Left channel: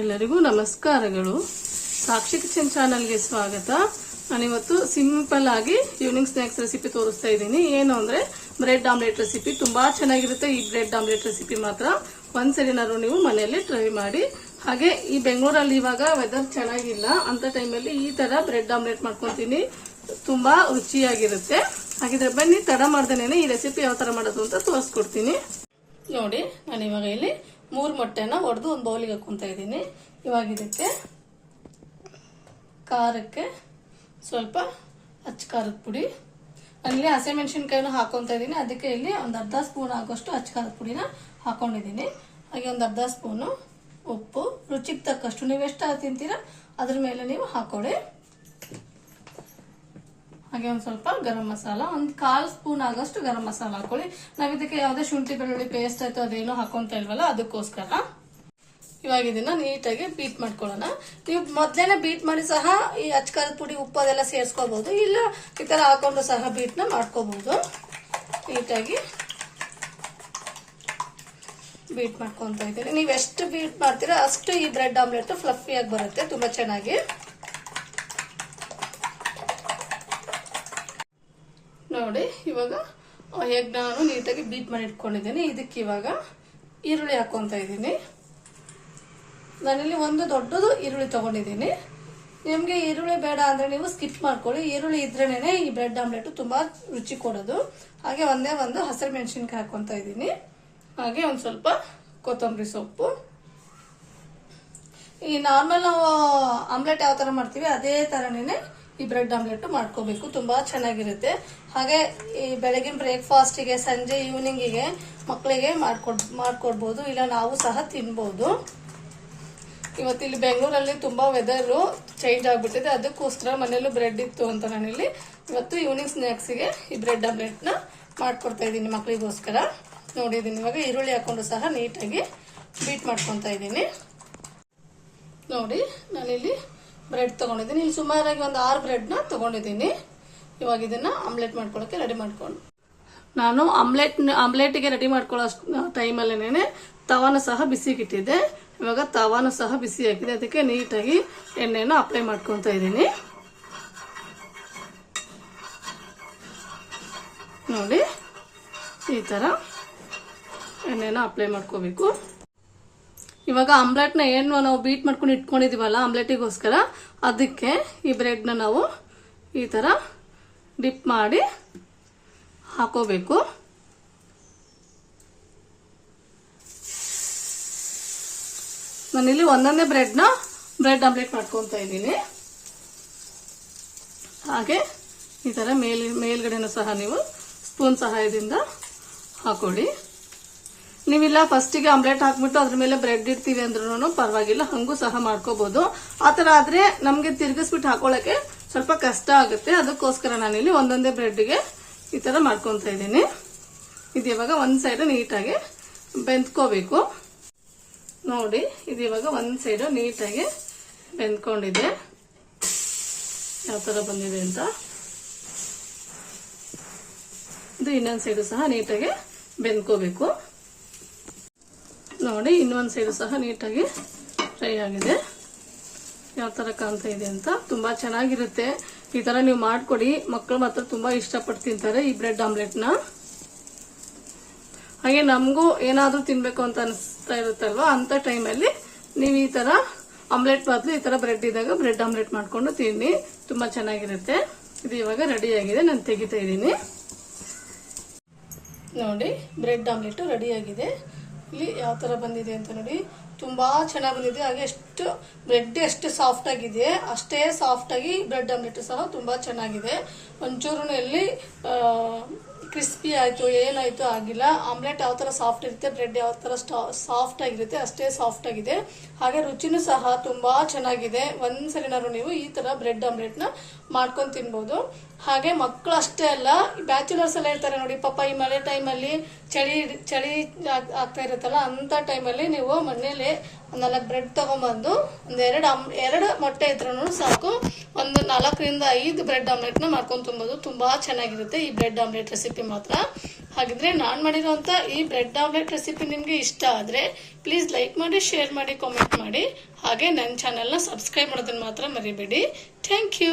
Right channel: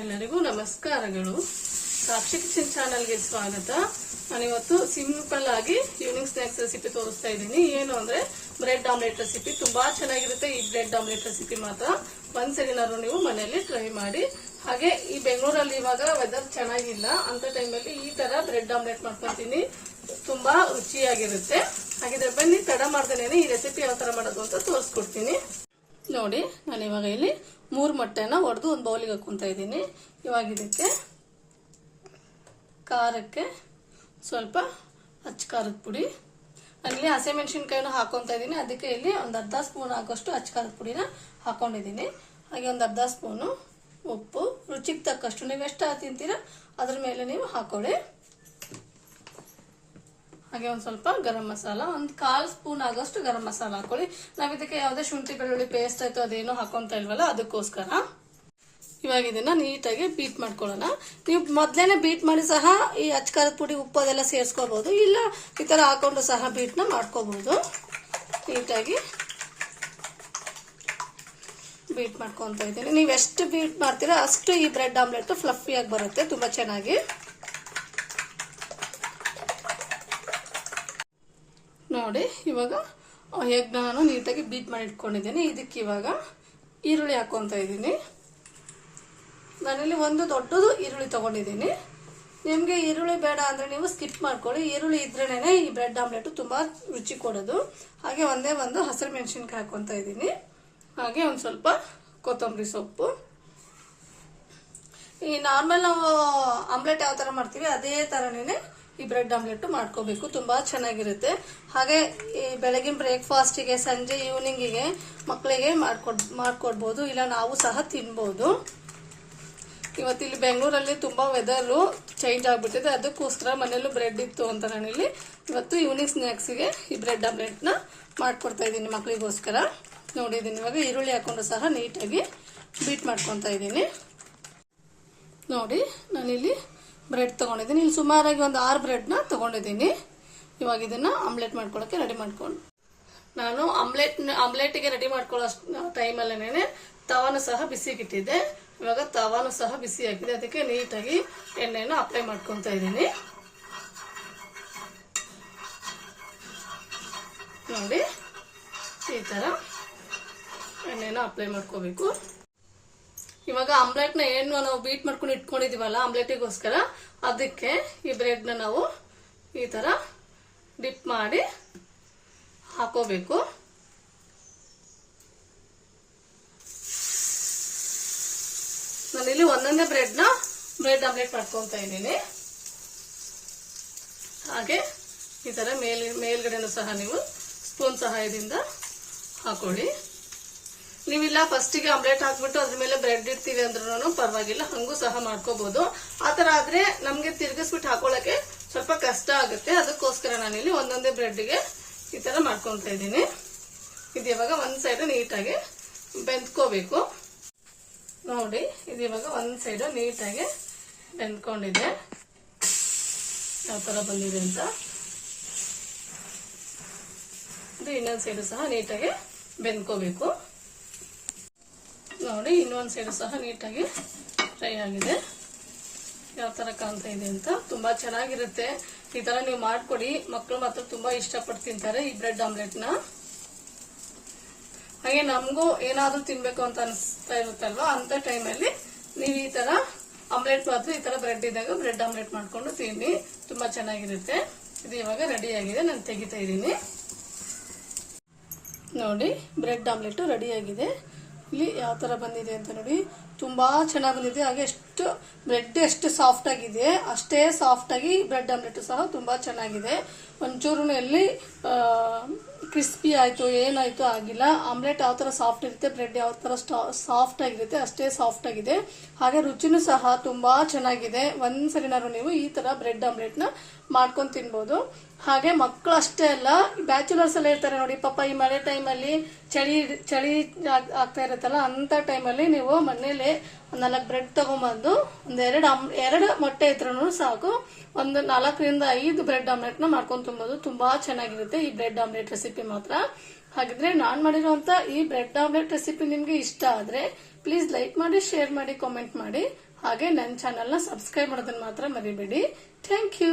ಎಲ್ಲರಿಗೂ ನಮಸ್ಕಾರಗಳು. ಸಾಕ್ಷಿ ಕಿಚನ್ ಚಾನಲ್ಗೆ ಸ್ವಾಗತ. ನಾನಿವತ್ತು ಸಿಂಪಲ್ ಆಗಿ ಈವ್ನಿಂಗ್ ಸ್ನಾಕ್ಸ್ ರೆಸಿಪಿ ತೋರಿಸ್ತಾ ಇದ್ದೀನಿ. ಏನು ಅಂದ್ರೆ ಬ್ರೆಡ್ ಆಮ್ಲೆಟ್ ರೆಸಿಪಿ. ತುಂಬಾ ಚೆನ್ನಾಗಿರುತ್ತೆ ಈ ಬ್ರೆಡ್ ಆಮ್ಲೆಟ್ ರೆಸಿಪಿ. ಮಾತ್ರ ಒಂದ್ಸರಿನಾದ್ರು ನೀವು ಮನೆಯಲ್ಲಿ ಟ್ರೈ ಮಾಡಿ. ಹಾಗೆ ಈ ಬೆಂಗಳೂರಲ್ಲಿ ಇವಾಗ ವೆದರ್ ಚೆನ್ನಾಗಿಲ್ಲ ಅಂತ ಟೈಮಲ್ಲಿ ಈ ತರ ಬ್ರೆಡ್ ಆಮ್ಲೆಟ್ ಮಾಡ್ಕೊತೀನಿ. ತುಂಬಾ ರುಚಿಯಾಗಿರುತ್ತೆ. ಹಾಗಿದ್ರೆ ಬನ್ನಿ, ತಡ ಮಾಡ್ದೇನೆ ಈ ರೆಸಿಪಿ ಯಾವ ತರ ಮಾಡೋದು ಅಂತ ತೋರಿಸ್ಕೊಡ್ತೀನಿ. ನೋಡಿ, ನಾನು ಇವಾಗ ಇಲ್ಲಿ 3 ಮೊಟ್ಟೆನ ಒಡೆದು ಒಂದು ಬೌಲಿಗೆ ಹಾಕೊಂತ ಇದ್ದೀನಿ. ಇವಾಗ ಇದಕ್ಕೆ ಖಾರಕ್ಕೆ ಸ್ವಲ್ಪ ಅಚ್ಚ ಖಾರದ ಪುಡಿ, ಅಲ್ಲಿ ಹಸಿಮೆಣಸಿನಕಾಯಿನ ಹಾಕೊಂತ ಇದ್ದೀನಿ. ಅದಕ್ಕೆ ಇಲ್ಲಿ ಒಂದು ಅರ್ಧ ಸ್ಪೂನ್ ಆಗೋಷ್ಟು ಅಚ್ಚ ಖಾರದ ಪುಡಿನ ಹಾಕೊಂಡಿದ್ದೀನಿ. ಹಾಗೆ ಒಂದು ಅರ್ಧ ಸ್ಪೂನು ಉಪ್ಪು, ರುಚಿಗೆ ತಕ್ಕಷ್ಟು ನೀವು ಎಷ್ಟು ತಿಂತೀರಾ ಅದ್ರ ಮೇಲೆ ನೀವು ಹಾಕೊಳ್ಳಿ. ಹಾಗೆ ಒಂದ್ ಸ್ವಲ್ಪ ಗರಂ ಮಸಾಲ, ಒಂದು 1/4 ಸ್ಪೂನ್ ಆಗೋಷ್ಟು ಗರಂ ಮಸಾಲ ಹಾಕೊಳ್ಳಿ. ನಾವ್ ಇದಕ್ಕೆ ಯಾವುದೇ ಶುಂಠಿ ಬೆಳ್ಳುಳ್ಳಿ ಪೇಸ್ಟ್ ಆಯ್ತು ಅದೇನೋ ಹಾಕೊಂತ ಇಲ್ವಲ್ಲ, ಅದಕ್ಕೋಸ್ಕರ. ಇವಾಗ ಇದನ್ನ ನೀಟಾಗಿ ಬೀಟ್ ಮಾಡ್ಕೊಳ್ಳೋಣ. ನೀವು ಮೊದ್ಲೇನೆ ಬೀಟ್ ಮಾಡಿ ಸಹ ಈ ಅಚ್ಚ ಖಾರದ ಪುಡಿ ಉಪ್ಪು ಅದೆಲ್ಲ ಸೇರಿಸ್ಕೋಬಹುದು, ಇಲ್ಲ ಈ ತರ ಹಾಕೊಂಡು ಸಹ ಬೀಟ್ ನ ಮಾಡ್ಕೋಬಹುದು. ನೀಟಾಗಿ ಬೀಟ್ ಮಾಡ್ಕೊಂತ ಇದ್ದೀನಿ. ನೀವು ಎಷ್ಟು ಬೀಟ್ ಮಾಡ್ತೀರಾ ಅಷ್ಟು ಈ ಬ್ರೆಡ್ ಆಮ್ಲೆಟ್ ಫ್ಲಫಿ ಆಗಿ ಬರುತ್ತೆ, ತುಂಬಾ ಚೆನ್ನಾಗಿ. ನೋಡಿ, ಇವಾಗ ಎಗ್ ನಾನು ನೀಟಾಗಿ ಬೀಟ್ ಮಾಡಿ ಇಟ್ಕೊಂಡಿದ್ದೀನಿ. ಇದಕ್ಕೆ ಇವಾಗ ಈರುಳ್ಳಿ ಹಾಕೊಂತ ಇದ್ದೀನಿ. ನಾನಿಲ್ಲಿ ಒಂದು ದೊಡ್ಡದು ಈರುಳ್ಳಿ ತಗೊಂಡಿದ್ದೀನಿ. ನಿಮ್ಗೆ ಈರುಳ್ಳಿ ಬೇಡ ಅಂದ್ರೆ ನೀವು ಸ್ಕಿಪ್ ಮಾಡ್ಕೊಳ್ಳಿ. ಈರುಳ್ಳಿ ಇದ್ರೇನೆ ಈ ಬ್ರೆಡ್ ಆಮ್ಲೆಟ್ ತುಂಬಾ ರುಚಿ ಕೊಡೋದು. ಹಾಗೆ ಒಂದೇ ಒಂದು ಹಸಿರು ಮೆಣಸಿನ್ಕಾಯಿ ಹಾಕೊಂತ ಇದ್ದೀನಿ. ಹಾಗೆ ಒಂದ್ ಸ್ವಲ್ಪ ಕೊತ್ತಂಬರಿ ಸೊಪ್ಪು. ಈ ನಾರ್ಮಲ್ ನಾವು ಆಮ್ಲೆಟ್ ಯಾವ ತರ ಮಾಡ್ತೀವಿ ಅದೇ ತರನೇ ಈ ಬ್ರೆಡ್ ಆಮ್ಲೆಟ್ ಮಾಡ್ಕೋಬೇಕು, ತುಂಬಾ ಚೆನ್ನಾಗಿರುತ್ತೆ. ಹಾಗೆ ಈ ಬೆಳಗಿನ ಬ್ರೇಕ್ಫಾಸ್ಟ್ ಗೆ, ಸಂಜೆ ಈವ್ನಿಂಗ್ ಗೆ ಮಕ್ಕಳಿಗೆ ಮಾಡ್ಕೊಡ್ಬಹುದು, ಇಲ್ಲ ನಾವು ಸಹ ತಿನ್ಬಹುದು. ಇವತ್ತಿಲ್ಲಿ ಬೆಂಗಳೂರಲ್ಲಿ ತುಂಬಾ ವೆದರ್ ಚೇಂಜ್ ಆಗ್ಬಿಟ್ಟಿದೆ, ಅದಕ್ಕೋಸ್ಕರ ಮನೆಯಲ್ಲೂ ಬ್ರೆಡ್ ಇತ್ತು ಅಂತ ನಾನಿಲ್ಲಿ ಇವತ್ತು ಈವ್ನಿಂಗ್ ಸ್ನಾಕ್ಸ್ ಗೆ ಈ ಬ್ರೆಡ್ ಆಮ್ಲೆಟ್ ನ ಮಾಡ್ಕೊಡ್ತಾ ಇದ್ದೀನಿ ಮಕ್ಕಳಿಗೋಸ್ಕರ. ನೋಡಿದೀನಿ, ಇವಾಗ ಈರುಳ್ಳಿ ಹಾಕೊಂಡು ಸಹ ನೀಟಾಗಿ ಬೀಟ್ ಮಾಡ್ಕೊಂತ ಇದ್ದೀನಿ. ನೋಡಿ, ನಾನಿಲ್ಲಿ ಬ್ರೆಡ್ ತಗೊಂಡಿದ್ದೀನಿ. ಇಲ್ಲಿ ಸುಮಾರಾಗಿ ಒಂದು 6 ಬ್ರೆಡ್ ನ ತಗೊಂಡಿದ್ದೀನಿ. ಇವಾಗ ಇದನ್ನ ಆಮ್ಲೆಟ್ ಮಾಡ್ಕೊಳ್ಳೋಕೆ ರೆಡಿ ಮಾಡ್ಕೊಂಡು, ನಾನು ಆಮ್ಲೆಟ್ಗೆ ರೆಡಿ ಮಾಡ್ಕೊಳ್ಳೋ ಟೈಮಲ್ಲೇನೆ ತವಾನು ಸಹ ಬಿಸಿಗಿಟ್ಟಿದ್ದೆ. ಇವಾಗ ತವಾನು ಸಹ ಬಿಸಿ ಆಗಿದೆ, ಅದಕ್ಕೆ ನೀಟಾಗಿ ಎಣ್ಣೆನ ಅಪ್ಲೈ ಮಾಡ್ಕೊಂತ ಇದ್ದೀನಿ. ನೋಡಿ, ಈ ತರ ಎಣ್ಣೆನ ಅಪ್ಲೈ ಮಾಡ್ಕೋಬೇಕು. ಇವಾಗ ಆಮ್ಲೆಟ್ ನ ಏನು ನಾವು ಬೀಟ್ ಮಾಡ್ಕೊಂಡು ಇಟ್ಕೊಂಡಿದೀವಲ್ಲ ಆಮ್ಲೆಟಿಗೋಸ್ಕರ, ಅದಕ್ಕೆ ಈ ಬ್ರೆಡ್ ನ ನಾವು ಈ ತರ ಡಿಪ್ ಮಾಡಿ ಹಾಕೋಬೇಕು. ನಾನಿಲ್ಲಿ ಒಂದೊಂದೇ ಬ್ರೆಡ್ ಆಮ್ಲೆಟ್ ಮಾಡ್ಕೊಂತ ಇದ್ದೀನಿ. ಹಾಗೆ ಈ ತರ ಮೇಲ್ಗಡೆನೂ ಸಹ ನೀವು ಸ್ಪೂನ್ ಸಹಾಯದಿಂದ ಹಾಕೊಳ್ಳಿ. ನೀವಿಲ್ಲ ಫಸ್ಟಿಗೆ ಆಮ್ಲೆಟ್ ಹಾಕ್ಬಿಟ್ಟು ಅದ್ರ ಮೇಲೆ ಬ್ರೆಡ್ ಇಡ್ತೀವಿ ಅಂದ್ರೂ ಪರವಾಗಿಲ್ಲ, ಹಂಗೂ ಸಹ ಮಾಡ್ಕೋಬಹುದು. ಆತರ ಆದ್ರೆ ನಮ್ಗೆ ತಿರ್ಗಿಸ್ಬಿಟ್ಟು ಹಾಕೊಳ್ಳಕ್ಕೆ ಸ್ವಲ್ಪ ಕಷ್ಟ ಆಗುತ್ತೆ. ಅದಕ್ಕೋಸ್ಕರ ನಾನಿಲ್ಲಿ ಒಂದೊಂದೇ ಬ್ರೆಡ್ಗೆ ಈ ತರ ಮಾಡ್ಕೊಂತ ಇದ್ದೀನಿ. ಇದು ಇವಾಗ ಒಂದ್ ಸೈಡ್ ನೀಟಾಗಿ ಬೆಂದ್ಕೋಬೇಕು. ನೋಡಿ, ಇದು ಇವಾಗ ಒಂದ್ ಸೈಡ್ ನೀಟಾಗಿ ಬೆಂದ್ಕೊಂಡಿದೆ, ಯಾವ ತರ ಬಂದಿದೆ ಅಂತ. ಇದು ಇನ್ನೊಂದ್ ಸೈಡ್ ಸಹ ನೀಟಾಗಿ ಬೆಂದ್ಕೋಬೇಕು. ನೋಡಿ, ಇನ್ನೊಂದ್ ಸೈಡ್ ಸಹ ನೀಟಾಗಿ ಫ್ರೈ ಆಗಿದೆ, ಯಾವ ತರ ಕಾಣ್ತಾ ಇದೆ ಅಂತ. ತುಂಬಾ ಚೆನ್ನಾಗಿರುತ್ತೆ, ಈ ತರ ನೀವು ಮಾಡ್ಕೊಡಿ. ಮಕ್ಕಳು ಮಾತ್ರ ತುಂಬಾ ಇಷ್ಟಪಟ್ಟು ತಿಂತಾರೆ ಈ ಬ್ರೆಡ್ ಆಮ್ಲೆಟ್ ನ. ಹಾಗೆ ನಮಗೂ ಏನಾದ್ರೂ ತಿನ್ಬೇಕು ಅಂತ ಅನಿಸ್ತಾ ಇರುತ್ತಲ್ವಾ, ಅಂತ ಟೈಮಲ್ಲಿ ನೀವು ಈ ತರ ಆಮ್ಲೆಟ್ ಬದಲು ಈ ತರ ಬ್ರೆಡ್ ಇದ್ದಾಗ ಬ್ರೆಡ್ ಆಮ್ಲೆಟ್ ಮಾಡ್ಕೊಂಡು ತಿನ್ನಿ, ತುಂಬಾ ಚೆನ್ನಾಗಿರುತ್ತೆ. ಇದು ಇವಾಗ ರೆಡಿ ಆಗಿದೆ, ನಾನು ತೆಗಿತಾ ಇದ್ದೀನಿ. ನೋಡಿ, ಬ್ರೆಡ್ ಆಮ್ಲೆಟ್ ರೆಡಿ ಆಗಿದೆ. ಇಲ್ಲಿ ಯಾವ ತರ ಬಂದಿದೆ ಅಂತ ನೋಡಿ, ತುಂಬಾ ಚೆನ್ನಾಗಿ ಬಂದಿದೆ. ಹಾಗೆ ಎಷ್ಟು ಬ್ರೆಡ್ ಎಷ್ಟು ಸಾಫ್ಟ್ ಆಗಿದೆ ಅಷ್ಟೇ ಸಾಫ್ಟ್ ಆಗಿ ಬ್ರೆಡ್ ಆಮ್ಲೆಟ್ ಸಹ ತುಂಬಾ ಚೆನ್ನಾಗಿದೆ. ಒಂಚೂರು ಎಲ್ಲಿ ಕ್ರಿಸ್ಪಿ ಆಯ್ತು ಏನಾಯ್ತು ಆಗಿಲ್ಲ. ಆಮ್ಲೆಟ್ ಯಾವ ತರ ಸಾಫ್ಟ್ ಇರುತ್ತೆ, ಬ್ರೆಡ್ ಯಾವ ತರ ಸಾಫ್ಟ್ ಆಗಿರುತ್ತೆ ಅಷ್ಟೇ ಸಾಫ್ಟ್ ಆಗಿದೆ. ಹಾಗೆ ರುಚಿನೂ ಸಹ ತುಂಬಾ ಚೆನ್ನಾಗಿದೆ. ಒಂದ್ಸರಿನಾದ್ರು ನೀವು ಈ ತರ ಬ್ರೆಡ್ ಆಮ್ಲೆಟ್ ನ ಮಾಡ್ಕೊಂಡು ತಿನ್ಬಹುದು. ಹಾಗೆ ಮಕ್ಕಳು ಅಷ್ಟೇ ಅಲ್ಲ, ಬ್ಯಾಚುಲರ್ಸ್ ಎಲ್ಲ ಇರ್ತಾರೆ ನೋಡಿ, ಪಾಪ ಈ ಮಳೆ ಟೈಮಲ್ಲಿ ಚಳಿ ಆಗ್ತಾ ಇರುತ್ತಲ್ಲ, ಅಂತ ಟೈಮಲ್ಲಿ ನೀವು ಮನೇಲಿ 4 ಬ್ರೆಡ್ ತಗೊಂಬಂದು ಎರಡು ಮೊಟ್ಟೆ ಇದ್ರೂ ಸಾಕು. ಒಂದು 4 ರಿಂದ 5 ಬ್ರೆಡ್ ಆಮ್ಲೆಟ್ನ ಮಾಡ್ಕೊಂಡು ತಿನ್ಬೋದು. ತುಂಬಾ ಚೆನ್ನಾಗಿರುತ್ತೆ ಈ ಬ್ರೆಡ್ ಆಮ್ಲೆಟ್ ರೆಸಿಪಿ ಮಾತ್ರ. ಹಾಗಿದ್ರೆ ನಾನು ಮಾಡಿರುವಂತ ಈ ಬ್ರೆಡ್ ಆಮ್ಲೆಟ್ ರೆಸಿಪಿ ನಿಮ್ಗೆ ಇಷ್ಟ ಆದ್ರೆ ಪ್ಲೀಸ್ ಲೈಕ್ ಮಾಡಿ, ಶೇರ್ ಮಾಡಿ, ಕಾಮೆಂಟ್ ಮಾಡಿ. ಹಾಗೆ ನನ್ನ ಚಾನೆಲ್ನ ಸಬ್ಸ್ಕ್ರೈಬ್ ಮಾಡೋದನ್ನ ಮಾತ್ರ ಮರಿಬೇಡಿ. Thank you.